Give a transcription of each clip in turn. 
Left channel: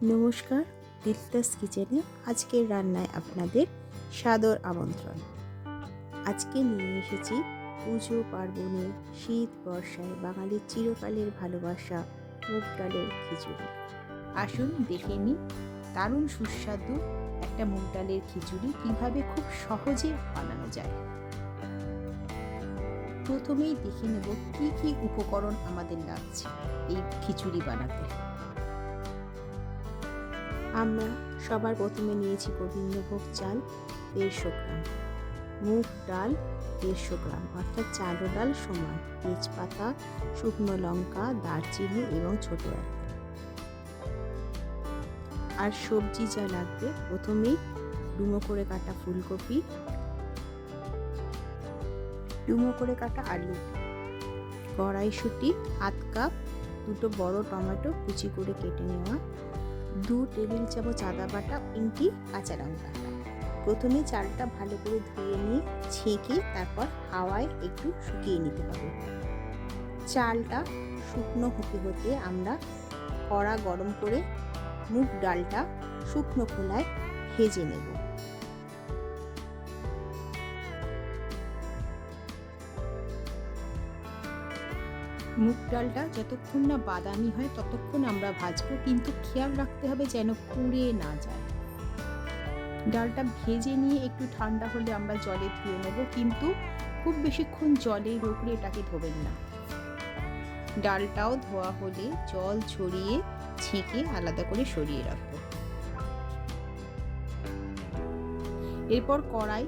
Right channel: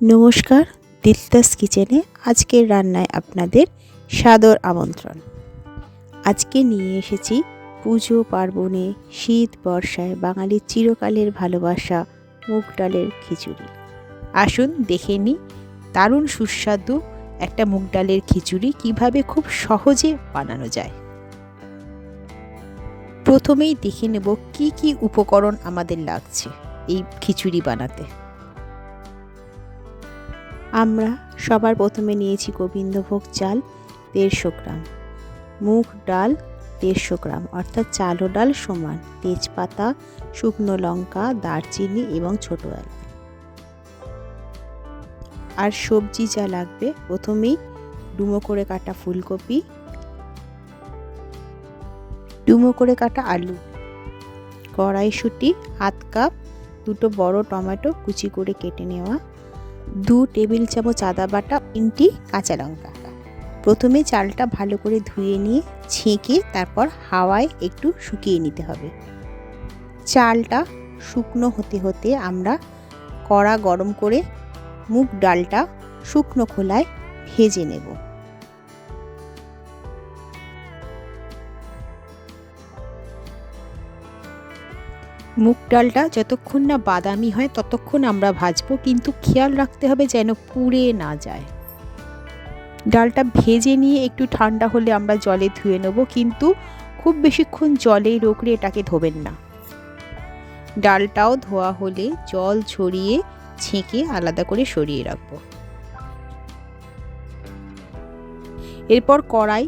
নমস্কার, দিলতাস কিচেনে আজকের রান্নায় আপনাদের সাদর আমন্ত্রণ। আজকে নিয়ে এসেছি পুজো পার্বণে, শীত বর্ষায় বাঙালির চিরকালের ভালোবাসা মুগ ডালের খিচুড়ি। আসুন দেখে নিই দারুণ সুস্বাদু একটা মুগ ডালের খিচুড়ি কিভাবে খুব সহজে বানানো যায়। প্রথমেই দেখে নেব কি কি উপকরণ আমাদের লাগছে এই খিচুড়ি বানাতে। আমরা সবার প্রথমে নিয়েছি গোবিন্দভোগ চাল 150 গ্রাম, মুগ ডাল 150 গ্রাম অর্থাৎ চাল ও ডাল সমান, তেজপাতা, শুকনো লঙ্কা, দারচিনি এবং ছোট এলাচ। আর সবজি যা লাগবে, প্রথমেই ডুমো করে কাটা ফুলকপি, ডুমো করে কাটা আলু, কড়াইশুঁটি ½ কাপ, দুটো বড় টমেটো কুচি করে কেটে নেওয়া, 2 টেবিল চামচ আদা বাটা, 3টি কাঁচা লঙ্কা। প্রথমে চালটা ভালো করে ধুয়ে নিয়ে ছেঁকে তারপর হাওয়ায় একটু শুকিয়ে নিতে হবে। চালটা শুকনো হতে হতে আমরা কড়া গরম করে মুগ ডালটা শুকনো খোলায় ভেজে নেব। মুগ ডালটা যতক্ষণ না বাদামি হয় ততক্ষণ আমরা ভাজবো, কিন্তু খেয়াল রাখতে হবে যেন পুড়ে না যায়। ডালটা ভেজে নিয়ে একটু ঠান্ডা হলে আমরা জলে ধুয়ে নেব, কিন্তু খুব বেশিক্ষণ জলে রোগড়ে এটাকে ধোবেন না। ডালটাও ধোয়া হলে জল ঝরিয়ে ছেঁকে আলাদা করে সরিয়ে রাখবো। এরপর কড়াই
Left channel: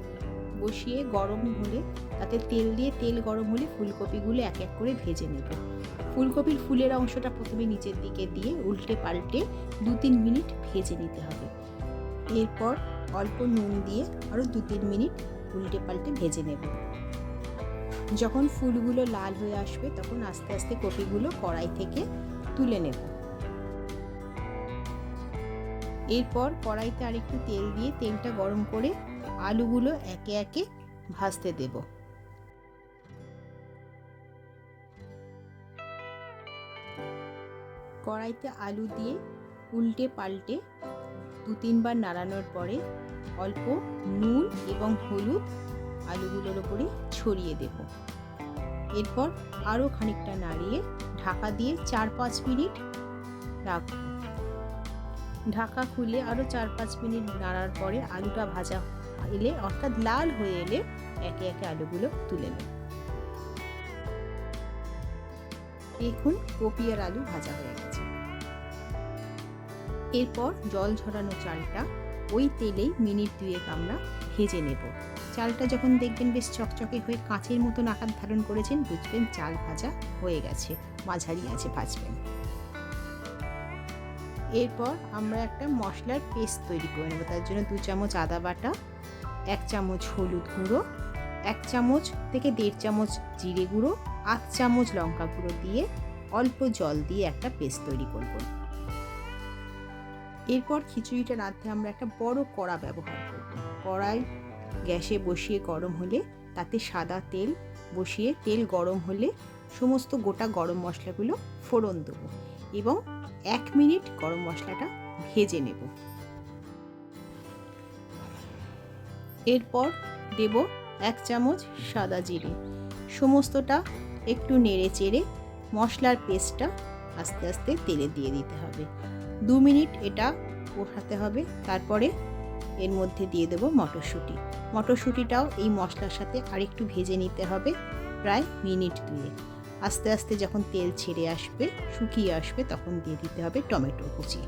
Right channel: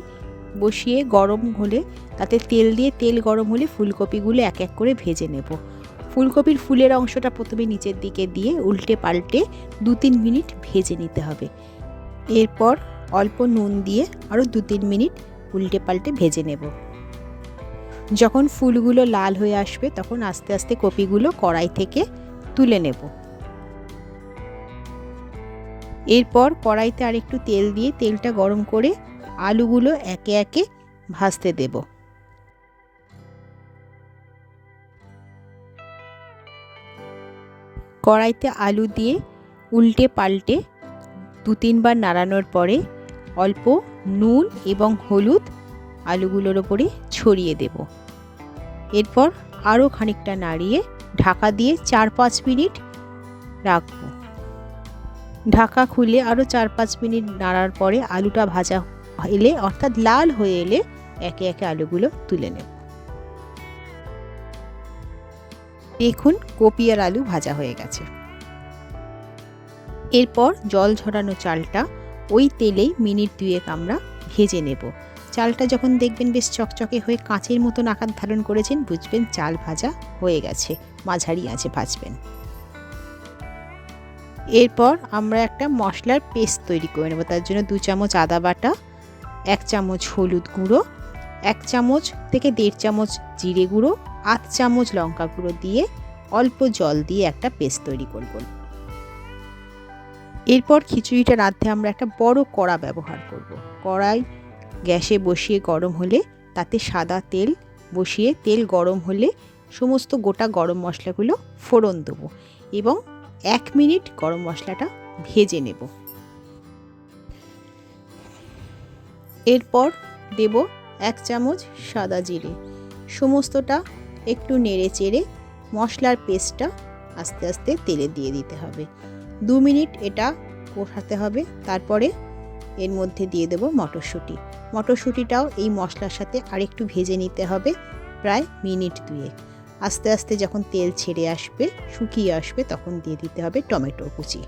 বসিয়ে গরম হলে তাতে তেল দিয়ে, তেল গরম হলে ফুলকপিগুলো এক এক করে ভেজে নেব। ফুলকপির ফুলের অংশটা প্রথমে নিচের দিকে দিয়ে উল্টে পাল্টে 2-3 মিনিট ভেজে নিতে হবে। এরপর অল্প নুন দিয়ে আরও 2-3 মিনিট উল্টে পাল্টে ভেজে নেব। যখন ফুলগুলো লাল হয়ে আসবে তখন আস্তে আস্তে কপিগুলো কড়াই থেকে তুলে নেব। এরপর কড়াইতে আরেকটু তেল দিয়ে তেলটা গরম করে আলুগুলো একে একে ভাজতে দেব। কড়াইতে আলু দিয়ে উল্টে পাল্টে 2-3 বার নাড়ানোর পরে অল্প নুন এবং হলুদ আলুগুলোর ওপরে ছড়িয়ে দেব। এরপর আরও খানিকটা নাড়িয়ে ঢাকা দিয়ে 4-5 মিনিট রাখব। ঢাকা খুলে আরও 4-5 মিনিট নাড়ার পরে আলুটা ভাজা এলে অর্থাৎ লাল হয়ে এলে একে একে আলুগুলো তুলে নেব। দেখুন কপি আর আলু ভাজা হয়ে গেছে। এরপর জল ঝরানো চালটা ওই তেলেই মিনিট 2 আমরা ভেজে নেব। চালটা যখন দেখবেন বেশ চকচকে হয়ে কাঁচের মতন আকার ধারণ করেছেন, বুঝবেন চাল ভাজা হয়ে গেছে, মাঝারি আঁচে ভাজবেন। এরপর আমরা একটা মশলার পেস্ট তৈরি করে নেব। তার জন্য 2 চামচ আদা বাটা, 1 চামচ হলুদ গুঁড়ো, 1 চামচ থেকে 1.5 চামচ জিরে গুঁড়ো, 8 চামচ লঙ্কা গুঁড়ো দিয়ে অল্প জল দিয়ে একটা পেস্ট তৈরি করব। এরপর খিচুড়িটা রাঁধতে আমরা একটা বড় কড়া ব্যবহার করব। কড়াই গ্যাসে বসিয়ে গরম হলে তাতে সাদা তেল বসিয়ে তেল গরম হলে সমস্ত গোটা গরম মশলাগুলো ফোড়ন দেব এবং 1 মিনিট গরম মশলাটা ভেজে নেব। এরপর দেব 1 চামচ সাদা জিরে। সমস্তটা একটু নেড়ে চেড়ে মশলার পেস্টটা আস্তে আস্তে তেলে দিয়ে দিতে হবে। 2 মিনিট এটা কষাতে হবে। তারপরে এর মধ্যে দিয়ে দেব মটরশুঁটি। মটরশুঁটিটাও এই মশলার সাথে আরেকটু ভেজে নিতে হবে, প্রায় মিনিট 2। আস্তে আস্তে যখন তেল ছেড়ে আসবে, শুকিয়ে আসবে, তখন দিয়ে দিতে হবে টমেটো কুচি।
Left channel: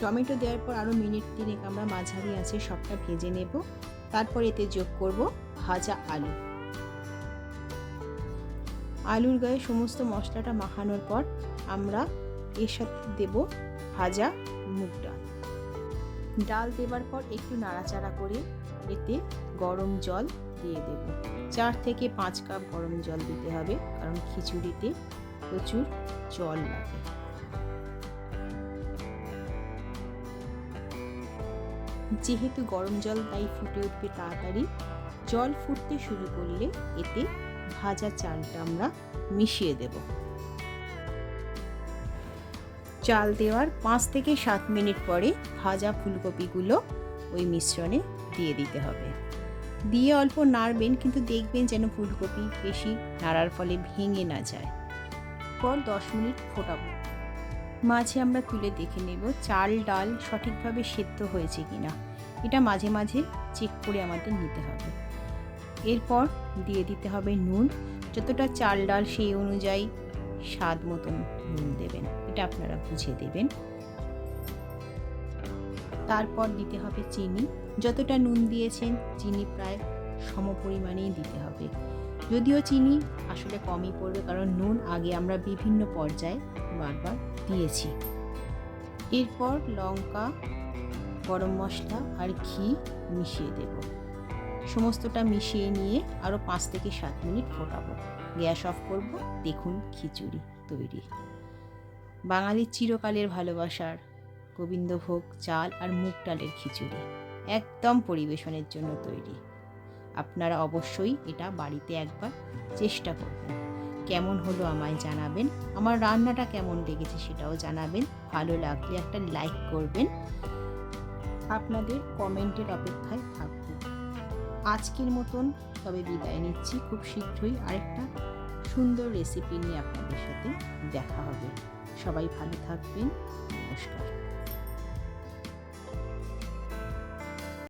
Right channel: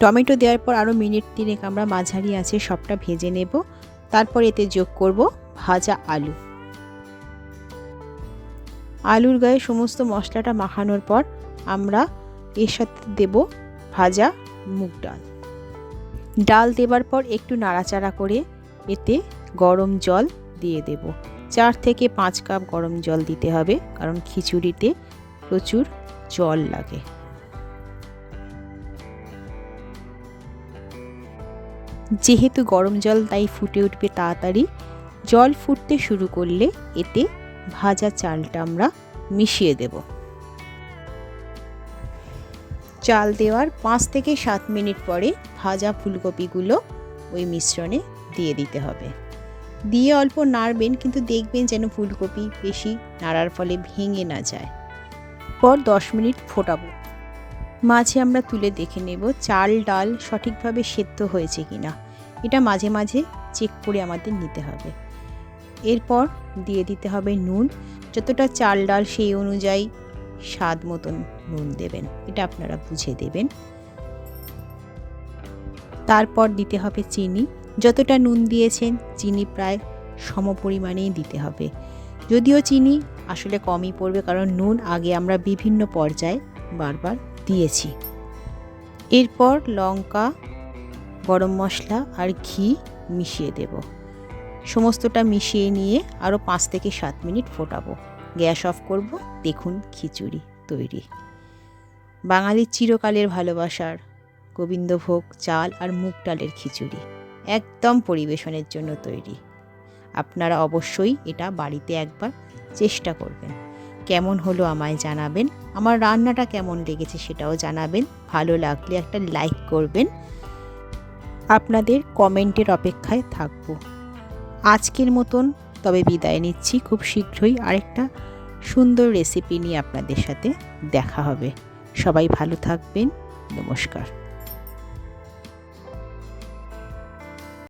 টমেটো দেওয়ার পর আরও মিনিট 3 আমরা মাঝারি আঁচে সবটা ভেজে নেব। তারপর এতে যোগ করব ভাজা আলু। আলুর গায়ে সমস্ত মশলাটা মাখানোর পর আমরা এর সাথে দেব ভাজা মুগ ডাল। ডাল দেবার পর একটু নাড়াচাড়া করে এতে গরম জল দিয়ে দেব। 4 থেকে 5 কাপ গরম জল দিতে হবে, কারণ খিচুড়িতে প্রচুর জল লাগে। যেহেতু গরম জল তাই ফুটে উঠবে তাড়াতাড়ি। জল ফুটতে শুরু করলে এতে ভাজা চালটা আমরা মিশিয়ে দেব। চাল দেওয়ার 5 থেকে 7 মিনিট পরে ভাজা ফুলকপিগুলো ওই মিশ্রণে দিয়ে দিতে হবে। দিয়ে অল্প নাড়বেন, কিন্তু দেখবেন যেন ফুলকপি বেশি নাড়ার ফলে ভেঙে না যায়। পর 10 মিনিট ফোটাবো। মাঝে আমরা তুলে দেখে নেব চাল ডাল সঠিকভাবে সেদ্ধ হয়েছে কিনা। এটা মাঝে মাঝে চেক করে আমাদের নিতে হবে। এরপর দিয়ে দিতে হবে নুন। যতটা চাল ডাল সেই অনুযায়ী স্বাদ মতন নুন দেবেন, এটা আপনারা বুঝে দেবেন। তারপর দিতে হবে চিনি। যতটা নুন দিয়েছেন চিনি প্রায় সম পরিমাণেই দিতে হবে। যদিও চিনি আসলে কমই পড়বে, কারণ নুন আগে আমরা বিভিন্ন পর্যায়ে বারবার দিয়েছি। এরপর লঙ্কা, গরম মশলা আর ঘি মিশিয়ে দেব। সমস্তটা মিশিয়ে নিয়ে আরও 5 থেকে 7 মিনিট ফোটাবো। গ্যাস অফ করব। দেখুন খিচুড়ি তৈরি। বাঙালির চিরকালের ভালোবাসার গোবিন্দভোগ চাল আর মুগ ডালের খিচুড়ি একদম পরিবেশনের জন্য তৈরি। আপনারা অবশ্যই এটা বাড়িতে একবার চেষ্টা করবেন। কেমন হলো আমায় জানাবেন। আমার রান্নাটা কেমন লেগেছে সেটাও জানাবেন। ভালো লাগলে একটা লাইক করবেন। আপনাদের কমেন্টের অপেক্ষায় থাকব। আজকের মতন তবে বিদায় নিচ্ছি। খুব শীঘ্রই আরেকটা সুন্দর রেসিপি নিয়ে আপনাদের সাথে দেখা হবে। সবাই ভালো থাকবেন। নমস্কার।